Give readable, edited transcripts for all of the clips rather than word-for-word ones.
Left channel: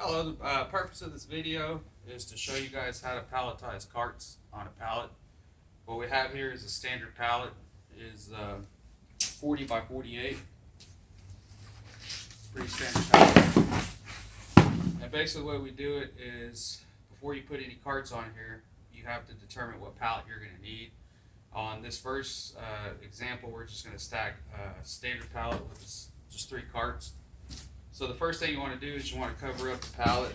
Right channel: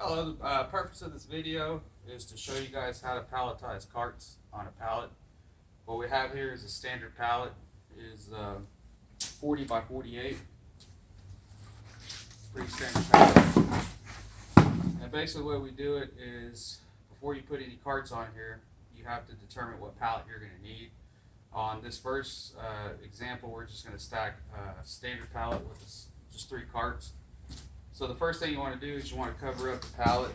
Hello, the purpose of this video is to show you guys how to palletize carts on a pallet. What we have here is a standard pallet, is 40 by 48, pretty standard pallet. And basically the way we do it is, before you put any carts on here, you have to determine what pallet you're going to need. On this first example, we're just going to stack a standard pallet with just 3 carts. So the first thing you want to do is you want to cover up the pallet.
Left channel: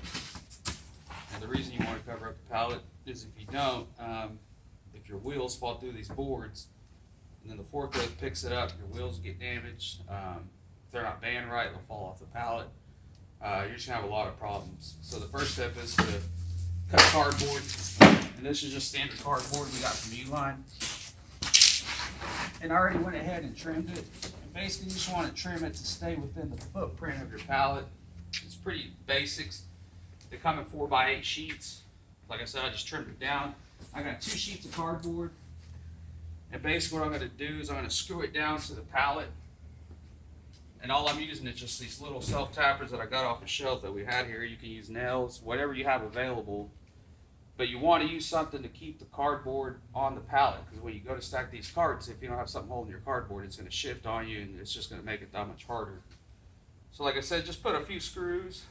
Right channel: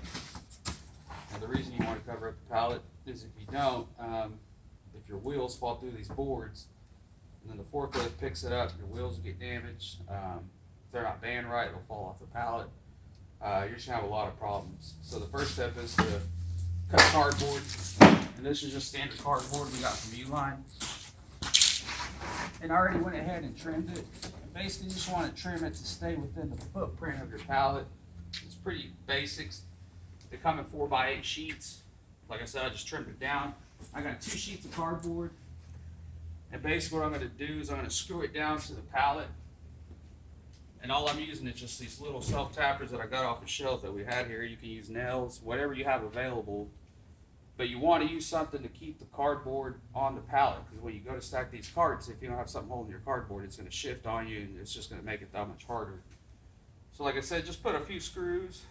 And the reason you want to cover up the pallet is if you don't, if your wheels fall through these boards, and then the forklift picks it up, your wheels will get damaged. If they're not band right, they'll fall off the pallet. You're just going to have a lot of problems. So the first step is to cut cardboard. And this is just standard cardboard we got from Uline. And I already went ahead and trimmed it. Basically, you just want to trim it to stay within the footprint of your pallet. It's pretty basics. They come in 4 by 8 sheets. Like I said, I just trimmed it down. I got 2 sheets of cardboard. And basically what I'm going to do is I'm going to screw it down to the pallet. And all I'm using is just these little self-tappers that I got off the shelf that we had here. You can use nails, whatever you have available. But you want to use something to keep the cardboard on the pallet, because when you go to stack these carts, if you don't have something holding your cardboard, it's going to shift on you and it's just going to make it that much harder. So like I said, just put a few screws.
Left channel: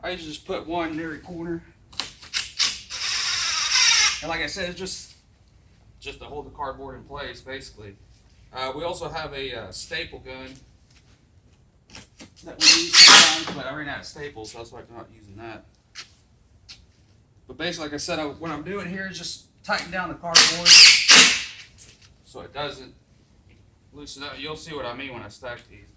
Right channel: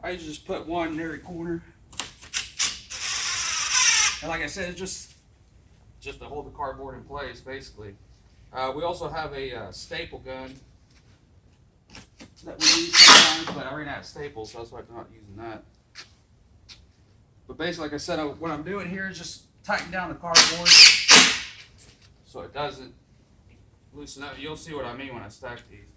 I usually just put one in every corner. And like I said, it's just to hold the cardboard in place, basically. We also have a staple gun that we use sometimes, but I ran out of staples, so that's why I'm not using that. But basically, like I said, what I'm doing here is just tighten down the cardboard so it doesn't loosen up. You'll see what I mean when I stack these.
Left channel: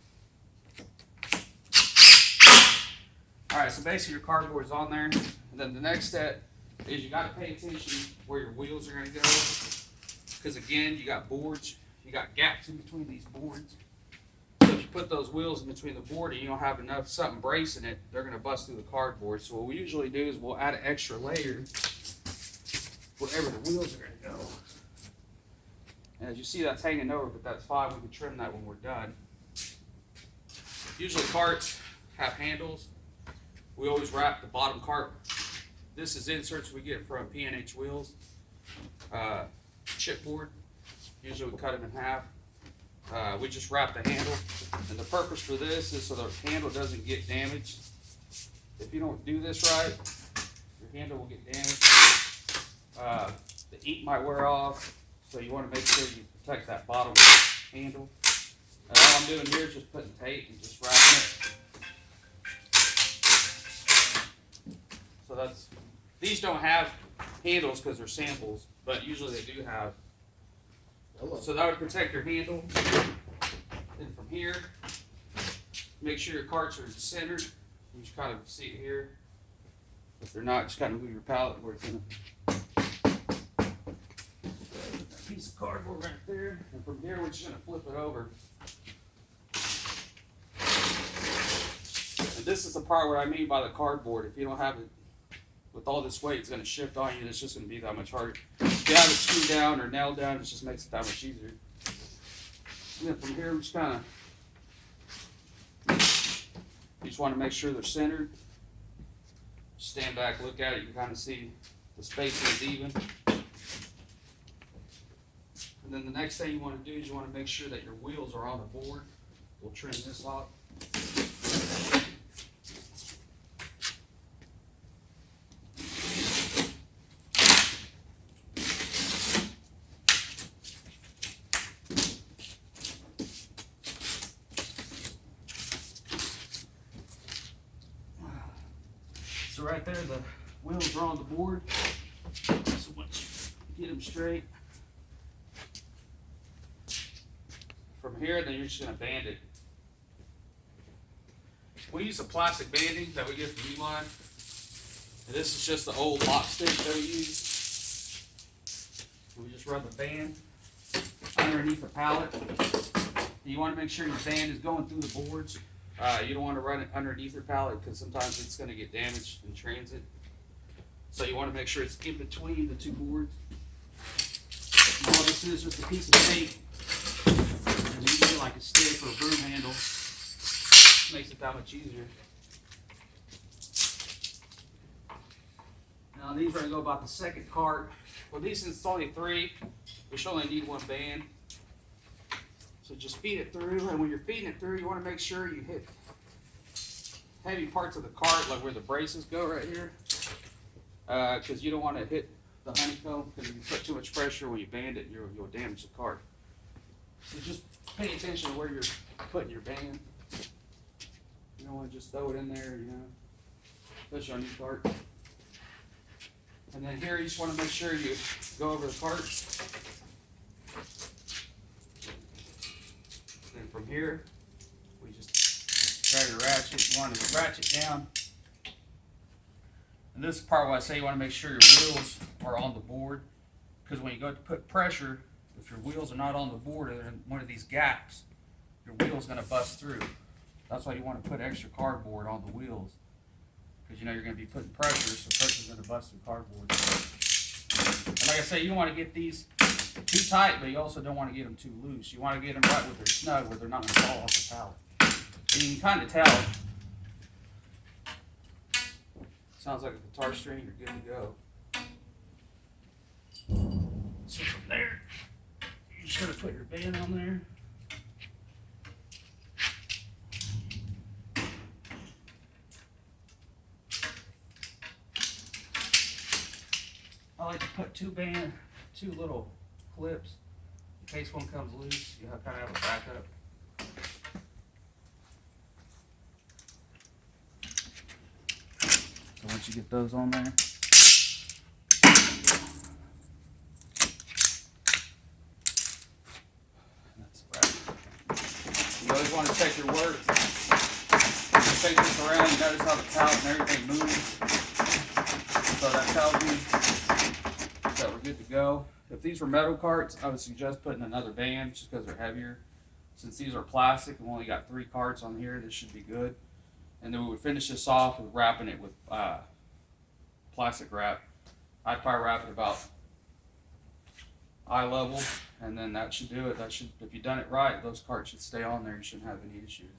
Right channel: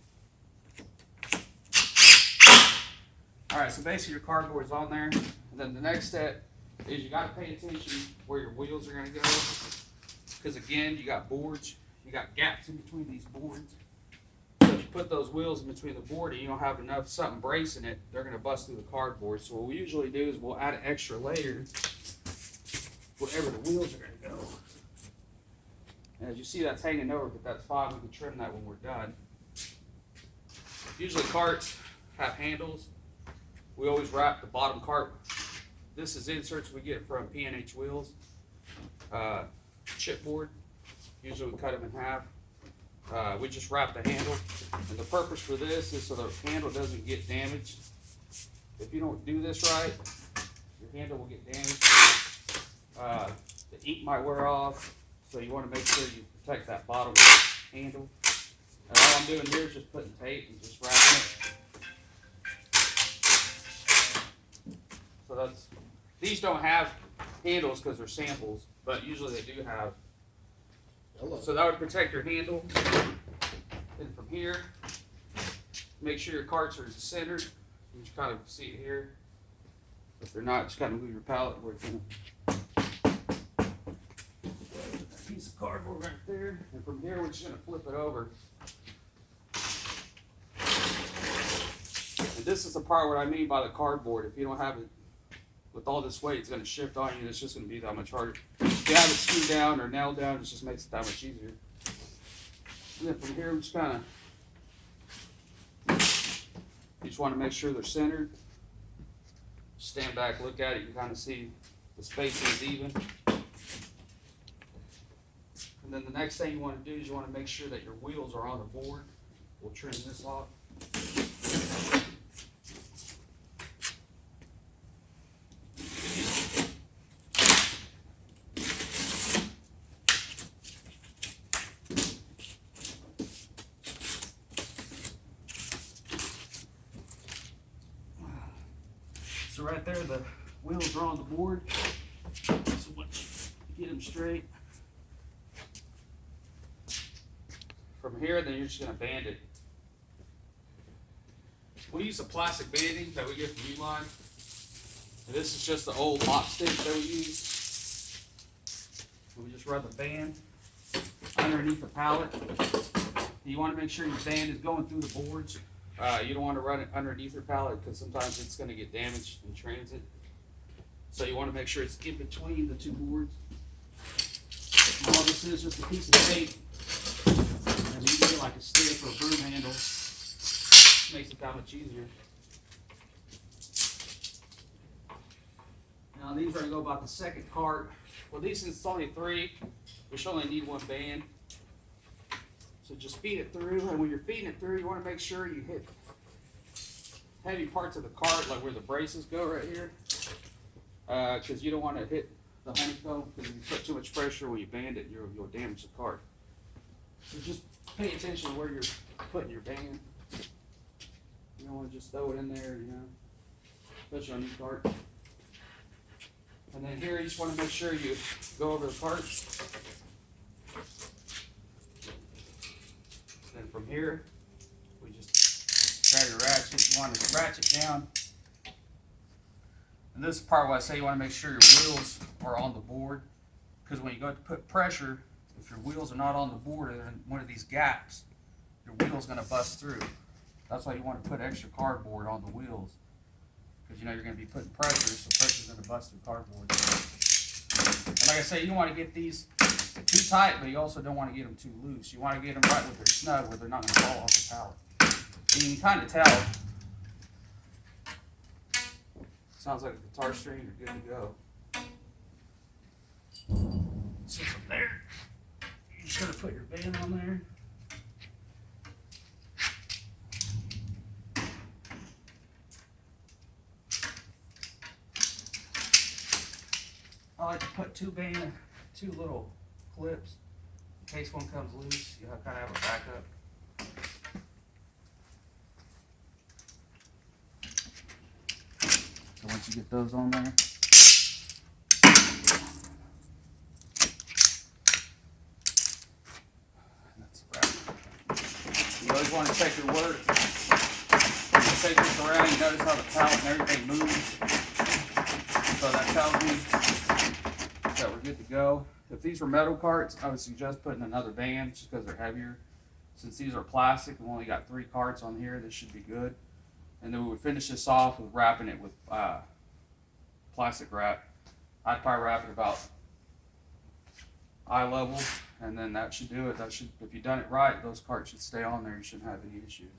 Alright, so basically your cardboard is on there. And then the next step is you got to pay attention where your wheels are going to go. Because again, you got boards, you got gaps in between these boards. So if you put those wheels in between the board and you don't have enough something bracing it, they're going to bust through the cardboard. So what we usually do is we'll add an extra layer wherever the wheels are going to go. And as you see, that's hanging over, but that's fine. We can trim that when we're done. Usually carts have handles. We always wrap the bottom cart. This is inserts we get from P&H Wheels. Chipboard. Usually we cut them in half. We just wrap the handle, and the purpose for this is so the handle doesn't get damaged. If you don't do this right, your handle will get damaged. The ink might wear off, so you want to make sure you protect that bottom handle. And all I'm doing here is just putting tape and just wrapping it. So these don't have handles because they're samples, but usually they do have. So that would protect your handle. And from here, make sure your carts are centered. You just kind of see it here. If they're not, just kind of move your pallet where it's going to. That piece of cardboard right there. And from here, we're just going to flip it over. And this is the part where I mean by the cardboard. If you don't have it with all this weight, it's going to shift on you, and it's just going to be that much harder. If you have it screwed down or nailed down, it just makes it that much easier. And then from here, we just kind of, you just want to make sure they're centered. Stand back, look at it, you can kind of see the spacing is even. And then the next thing you want to do is you want to make sure that your wheels are on the board. We'll trim this off. So right there, the wheels are on the board. So once you get them straight, from here, then you're just going to band it. We use a plastic banding that we get from Uline. And this is just the old mop stick that we use. And we just run the band underneath the pallet. You want to make sure your band is going through the boards. You don't want to run it underneath your pallet because sometimes it's going to get damaged in transit. So you want to make sure it's in between the 2 boards. And all this is just a piece of tape. And you get like a stick or a broom handle. Makes it that much easier. On these, we're gonna go about the second cart. Well, these, since it's only 3, we should only need 1 band. So just feed it through, and when you're feeding it through, you want to make sure you hit heavy parts of the cart, like where the braces go right here, because you don't want to hit the honeycomb, because if you put too much pressure when you band it, you'll damage the cart. So just pay attention to where you're putting your band. You don't want to just throw it in there, you know, especially on your cart. And then here, you just want to make sure you go over the cart. Then from here, we just grab your ratchet. You want to ratchet down. And this is part where I say you want to make sure your wheels are on the board, because when you go to put pressure, if your wheels are not on the board or in one of these gaps, your wheel's going to bust through. That's why you want to put extra cardboard on the wheels, because you know you're going to be putting pressure, so pressure's going to bust through cardboard. And like I say, you don't want to get these too tight, but you also don't want to get them too loose. You want to get them right where they're snug, where they're not going to fall off the pallet. And you can kind of tell. Sounds like a guitar string, you're good to go. So from there, you're just going to put your band on there. I like to put 2 little clips in case one comes loose. You kind of have a backup. So once you get those on there, that's about it. You always want to check your work. When you take this around, you notice how the pallet and everything moves. So that tells me that we're good to go. If these were metal carts, I would suggest putting another band just because they're heavier. Since these are plastic, we've only got 3 carts on here, this should be good. And then we would finish this off with wrapping it with plastic wrap. I'd probably wrap it about eye level, and then that should do it. That should, if you've done it right, those carts should stay on there. You shouldn't have any issues.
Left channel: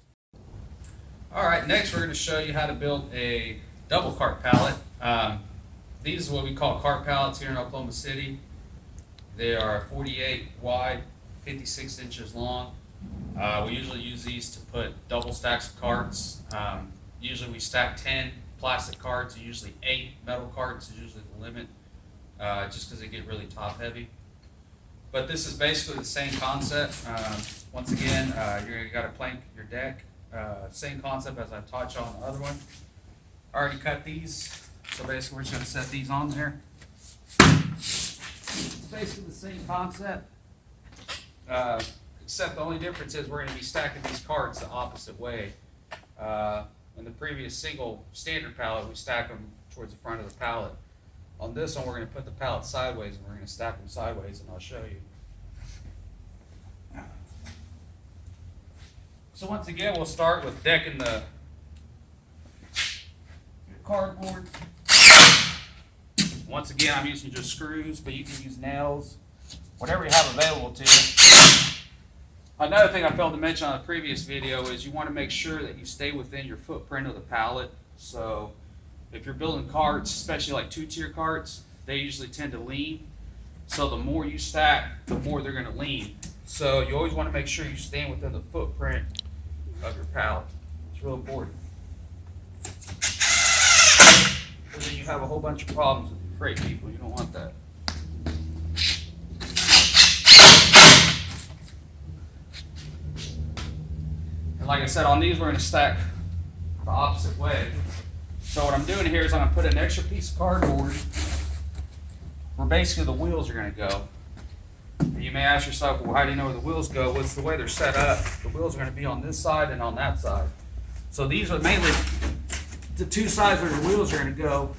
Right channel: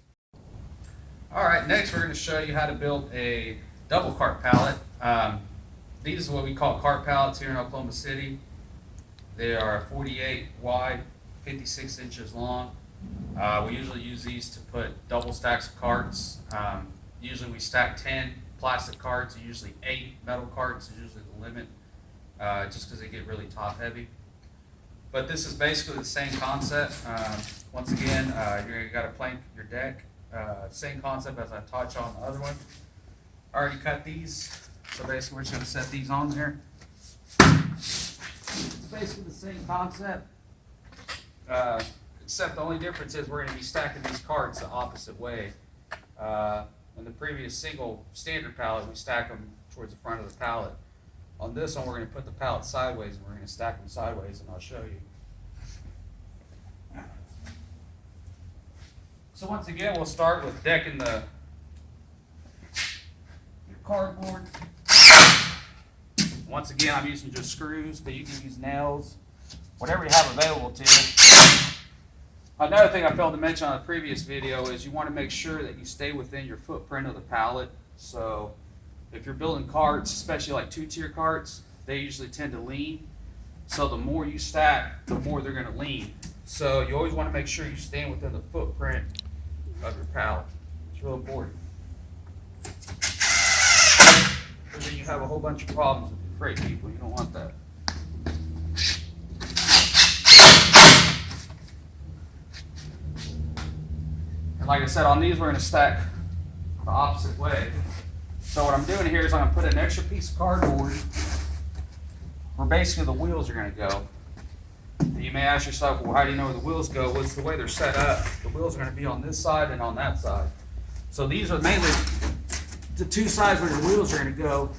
All right, next we're going to show you how to build a double cart pallet. These are what we call cart pallets here in Oklahoma City. They are 48 wide, 56 inches long. We usually use these to put double stacks of carts. Usually we stack 10 plastic carts, usually 8 metal carts is usually the limit, just because they get really top heavy. But this is basically the same concept. Once again, you got to plank your deck. Same concept as I taught you on the other one. I already cut these. So basically we're just going to set these on there. It's basically the same concept, except the only difference is we're going to be stacking these carts the opposite way. In the previous single standard pallet, we stack them towards the front of the pallet. On this one, we're going to put the pallet sideways, and we're going to stack them sideways, and I'll show you. So once again, we'll start with decking the cardboard. Once again, I'm using just screws, but you can use nails, whatever you have available to you. Another thing I failed to mention on a previous video is you want to make sure that you stay within your footprint of the pallet. So if you're building carts, especially like 2-tier carts, they usually tend to lean. So the more you stack, the more they're going to lean. So you always want to make sure you stand within the footprint of your pallet. It's real important. Because then you have a whole bunch of problems with your freight people. You don't want that. And like I said, on these we're going to stack the opposite way. So what I'm doing here is I'm going to put an extra piece of cardboard where basically the wheels are going to go. And you may ask yourself, well, how do you know where the wheels go? Well, it's the way they're set up. The wheels are going to be on this side and on that side. So these are mainly the 2 sides where your wheels are going to go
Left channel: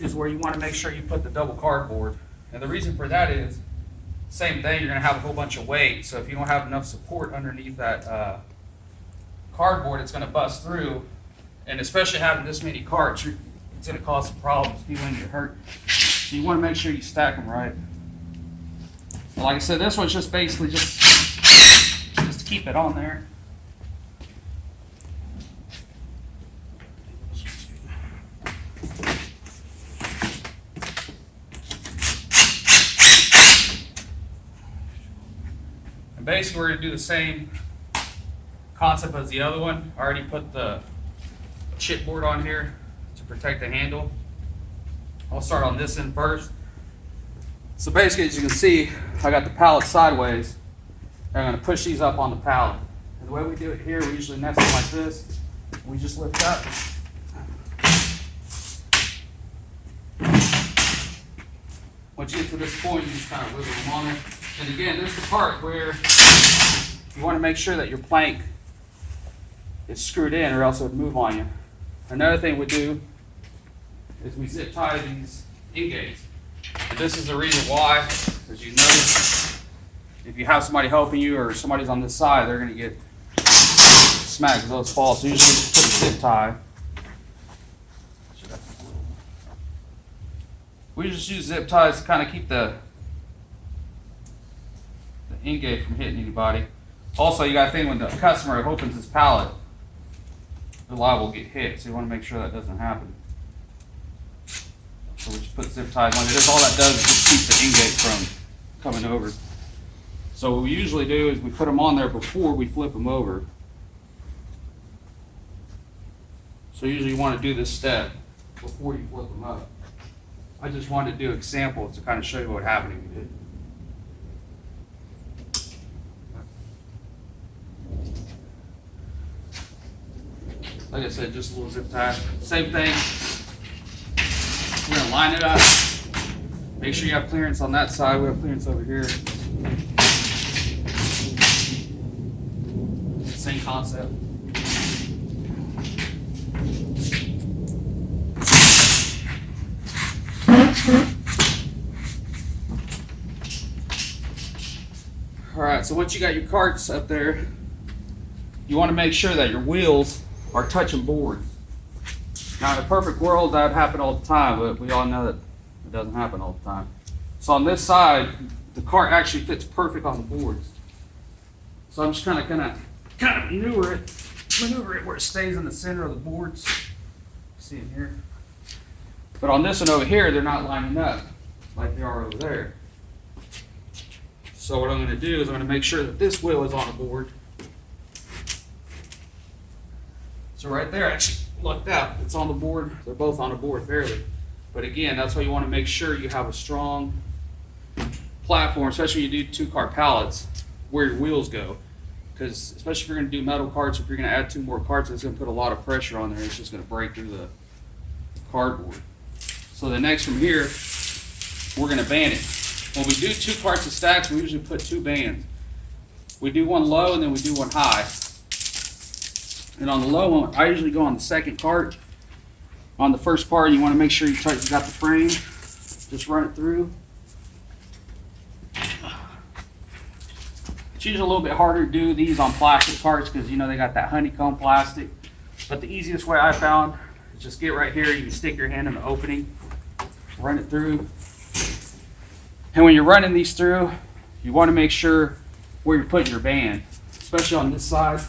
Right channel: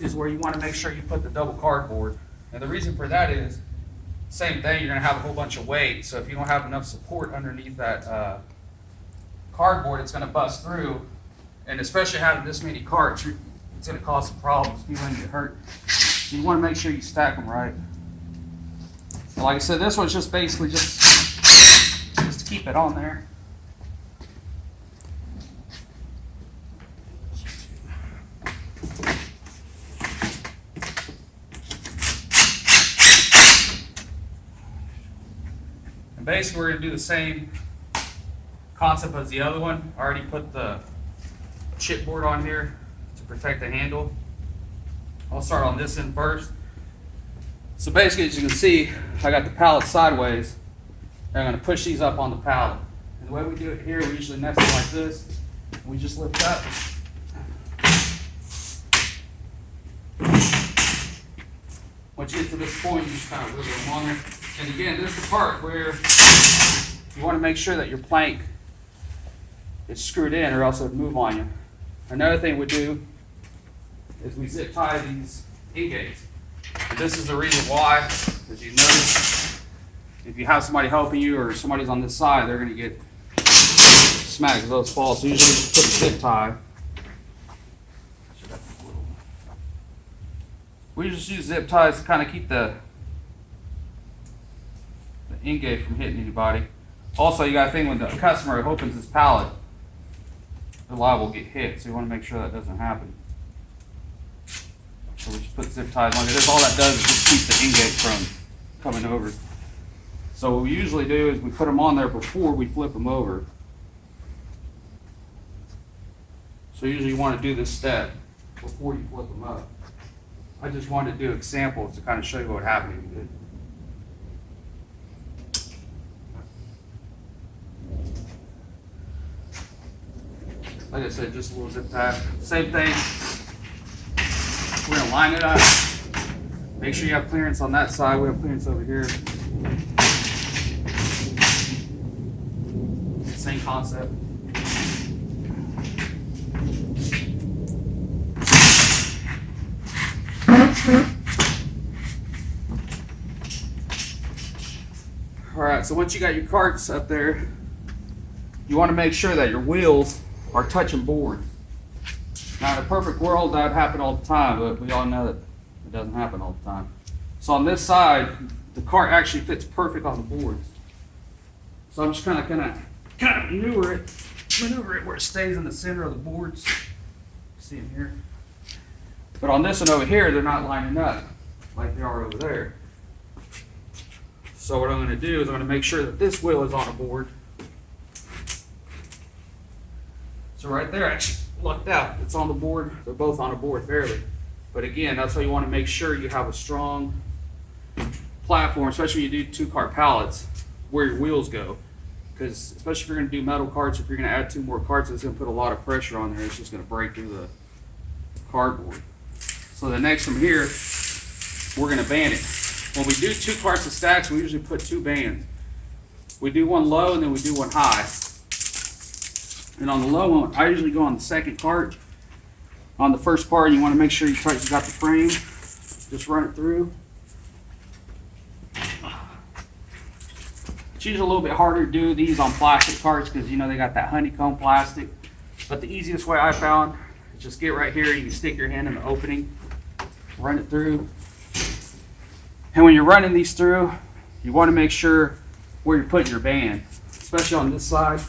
is where you want to make sure you put the double cardboard. And the reason for that is, same thing, you're going to have a whole bunch of weight. So if you don't have enough support underneath that cardboard, it's going to bust through. And especially having this many carts, it's going to cause some problems. You're going to get hurt. So you want to make sure you stack them right. But like I said, this one's just basically just to keep it on there. And basically we're going to do the same concept as the other one. I already put the chipboard on here to protect the handle. I'll start on this end first. So basically, as you can see, I got the pallet sideways. And I'm going to push these up on the pallet. And the way we do it here, we usually nest them like this. We just lift up. Once you get to this point, you just kind of wiggle them on there. And again, this is the part where you want to make sure that your plank is screwed in, or else it would move on you. Another thing we do is we zip tie these ingates. And this is the reason why, as you notice, if you have somebody helping you or somebody's on this side, they're going to get smacked with those falls. So usually just put a zip tie. We just use zip ties to kind of keep the ingate from hitting anybody. Also, you got to think when the customer opens his pallet, the liable will get hit, so you want to make sure that doesn't happen. So we just put zip ties on it. All that does is just keep the ingate from coming over. So what we usually do is we put them on there before we flip them over. So usually you want to do this step before you flip them up. I just wanted to do examples to kind of show you what would happen if you did. Like I said, just a little zip tie. Same thing. We're going to line it up. Make sure you have clearance on that side. We have clearance over here. Same concept. Alright, so once you got your carts up there, you want to make sure that your wheels are touching board. Now, in a perfect world, that would happen all the time, but we all know that it doesn't happen all the time. So on this side, the cart actually fits perfect on the boards. So I'm just kind of maneuver it where it stays in the center of the boards. See them here. But on this one over here, they're not lining up like they are over there. So what I'm going to do is I'm going to make sure that this wheel is on a board. So right there, actually lucked out. It's on the board. They're both on a board fairly. But again, that's why you want to make sure you have a strong platform, especially when you do 2-cart pallets, where your wheels go. Because especially if you're going to do metal carts, if you're going to add 2 more carts, it's going to put a lot of pressure on there. It's just going to break through the cardboard. So the next from here, we're going to band it. When we do 2 carts of stacks, we usually put 2 bands. We do one low and then we do one high. And on the low one, I usually go on the second cart. On the first part, you want to make sure you got the frame. Just run it through. It's usually a little bit harder to do these on plastic carts because you know they got that honeycomb plastic. But the easiest way I found is just get right here. You can stick your hand in the opening, run it through. And when you're running these through, you want to make sure where you're putting your band, especially on this side.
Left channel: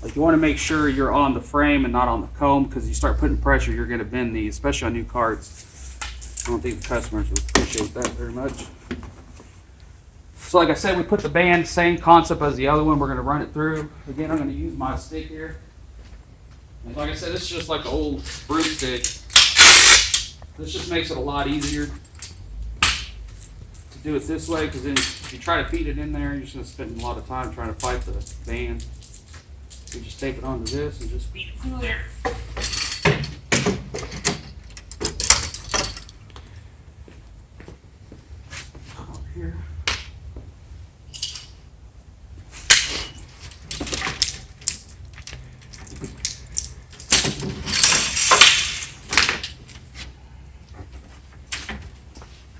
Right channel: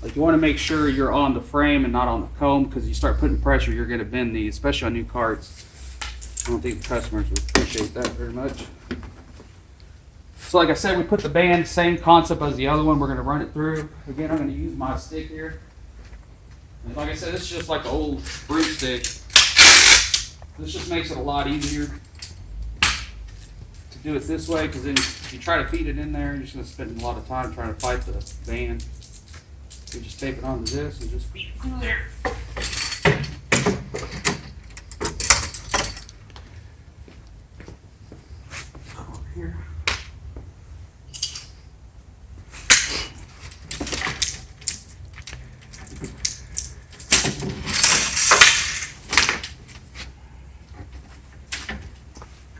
Like you want to make sure you're on the frame and not on the comb, because you start putting pressure, you're going to bend these, especially on new carts. I don't think the customers would appreciate that very much. So like I said, we put the band, same concept as the other one. We're going to run it through. Again, I'm going to use my stick here. And like I said, this is just like an old broomstick. This just makes it a lot easier to do it this way, because then if you try to feed it in there, you're just going to spend a lot of time trying to fight the band. You just tape it onto this and just feed it through there. Over here.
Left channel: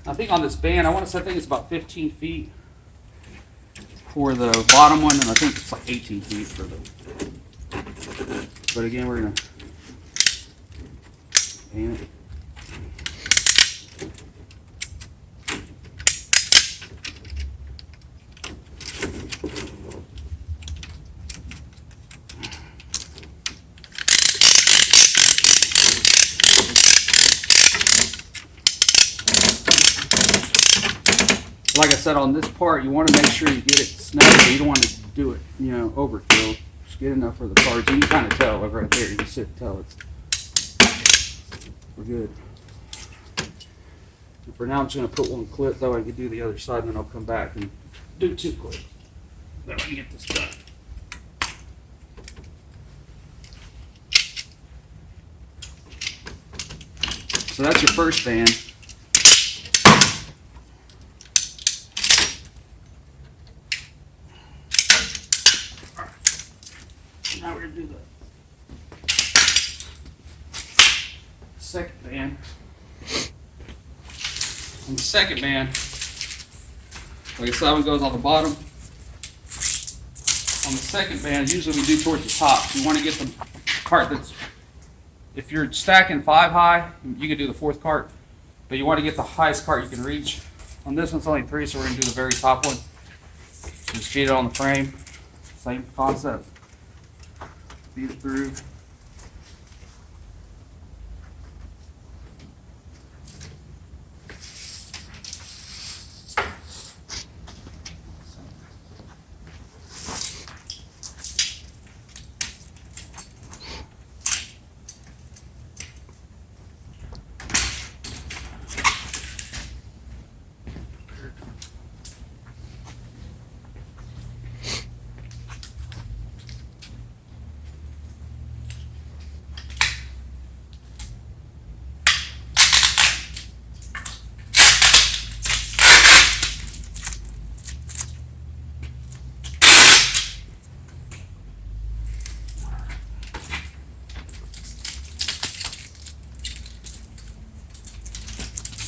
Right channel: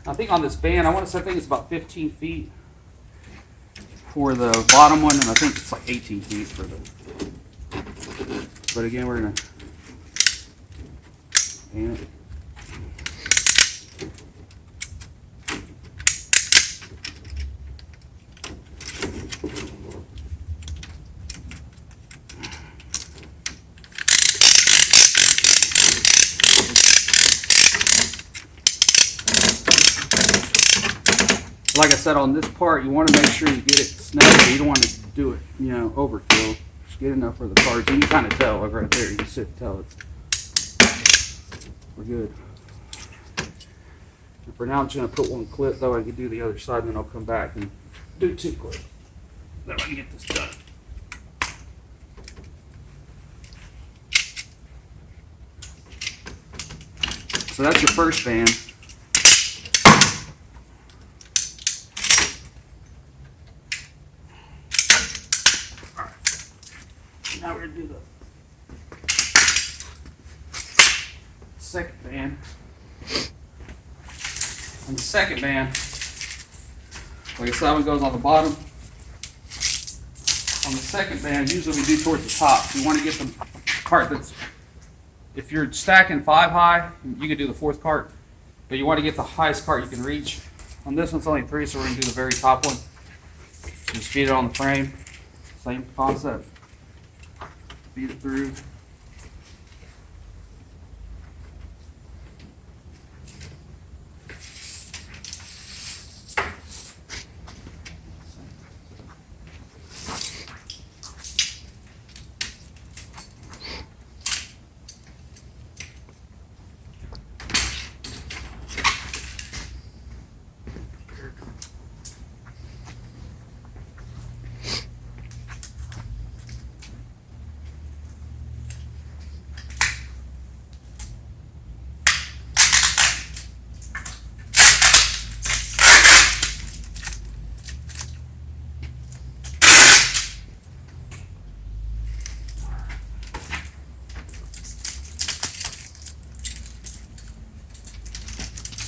I think on this band, I think it's about 15 feet for the bottom one, and I think it's like 18 feet for the. But again, we're gonna band it. like I said, on this part, you want to make sure you get it snug, but you don't want to do it, you know, overkill. Just get enough for the cards. You can kind of tell, like right there, you can sit and tell we're good. And for now, I'm just going to put one clip, that way I can do the other side, and then I'll come back and do 2 clips. That way I can get this done. So that's your first band. All right. Now we're going to do the second band. On the second band, like I said, that one goes on the bottom. On the second band, usually we do towards the top. You want to get the cart that's, if you're stacking 5 high, you can do the 4th cart, but you want to get the highest cart you can reach. On this one's only 3, so we're going to do the very top one. Just feed it on the frame. Same concept. Feed it through.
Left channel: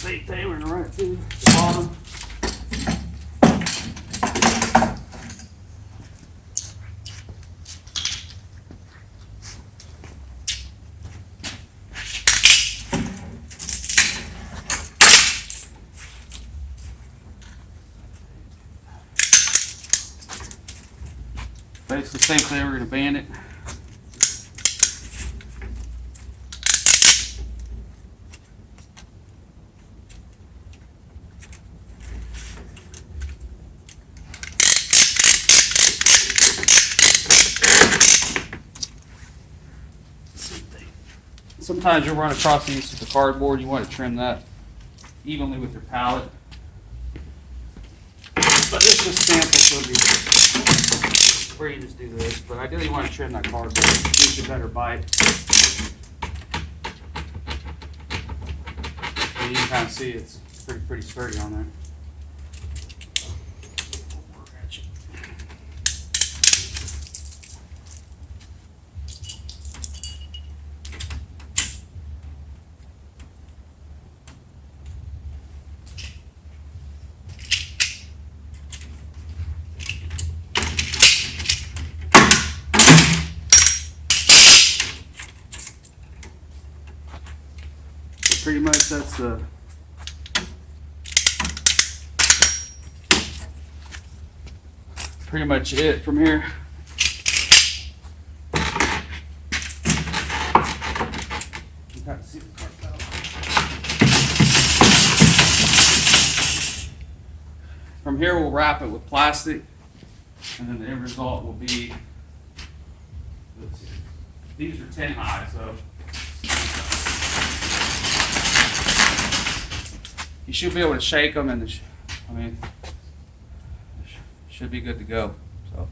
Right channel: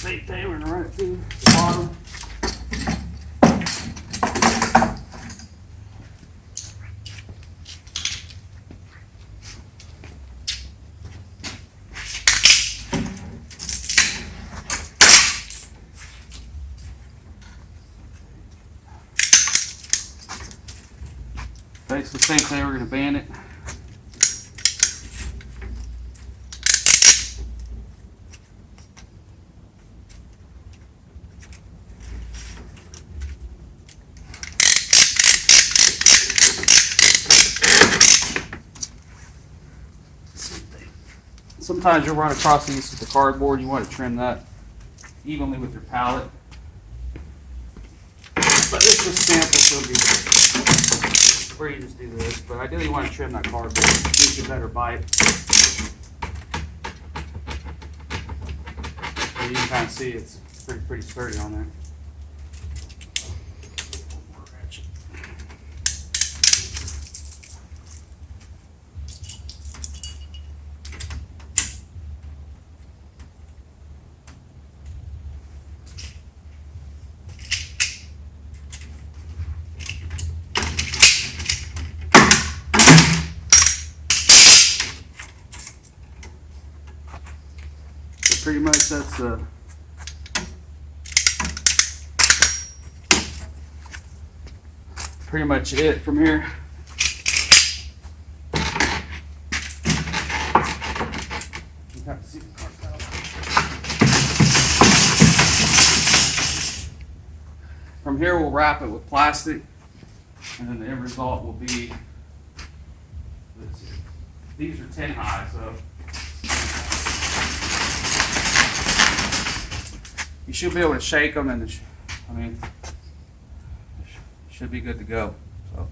Same thing, we're gonna run it through the bottom. Basically the same thing, we're gonna band it. Sometimes you'll run across these with the cardboard. You want to trim that evenly with your pallet. But it's just sample, so it'll be where you just do this. But ideally, you want to trim that cardboard. It gives you a better bite. And you can kind of see it's pretty sturdy on there. Pretty much that's pretty much it from here. You kind of see the cart out. From here we'll wrap it with plastic, and then the end result will be, let's see, these are 10 high, so you should be able to shake them, and I mean, should be good to go. So.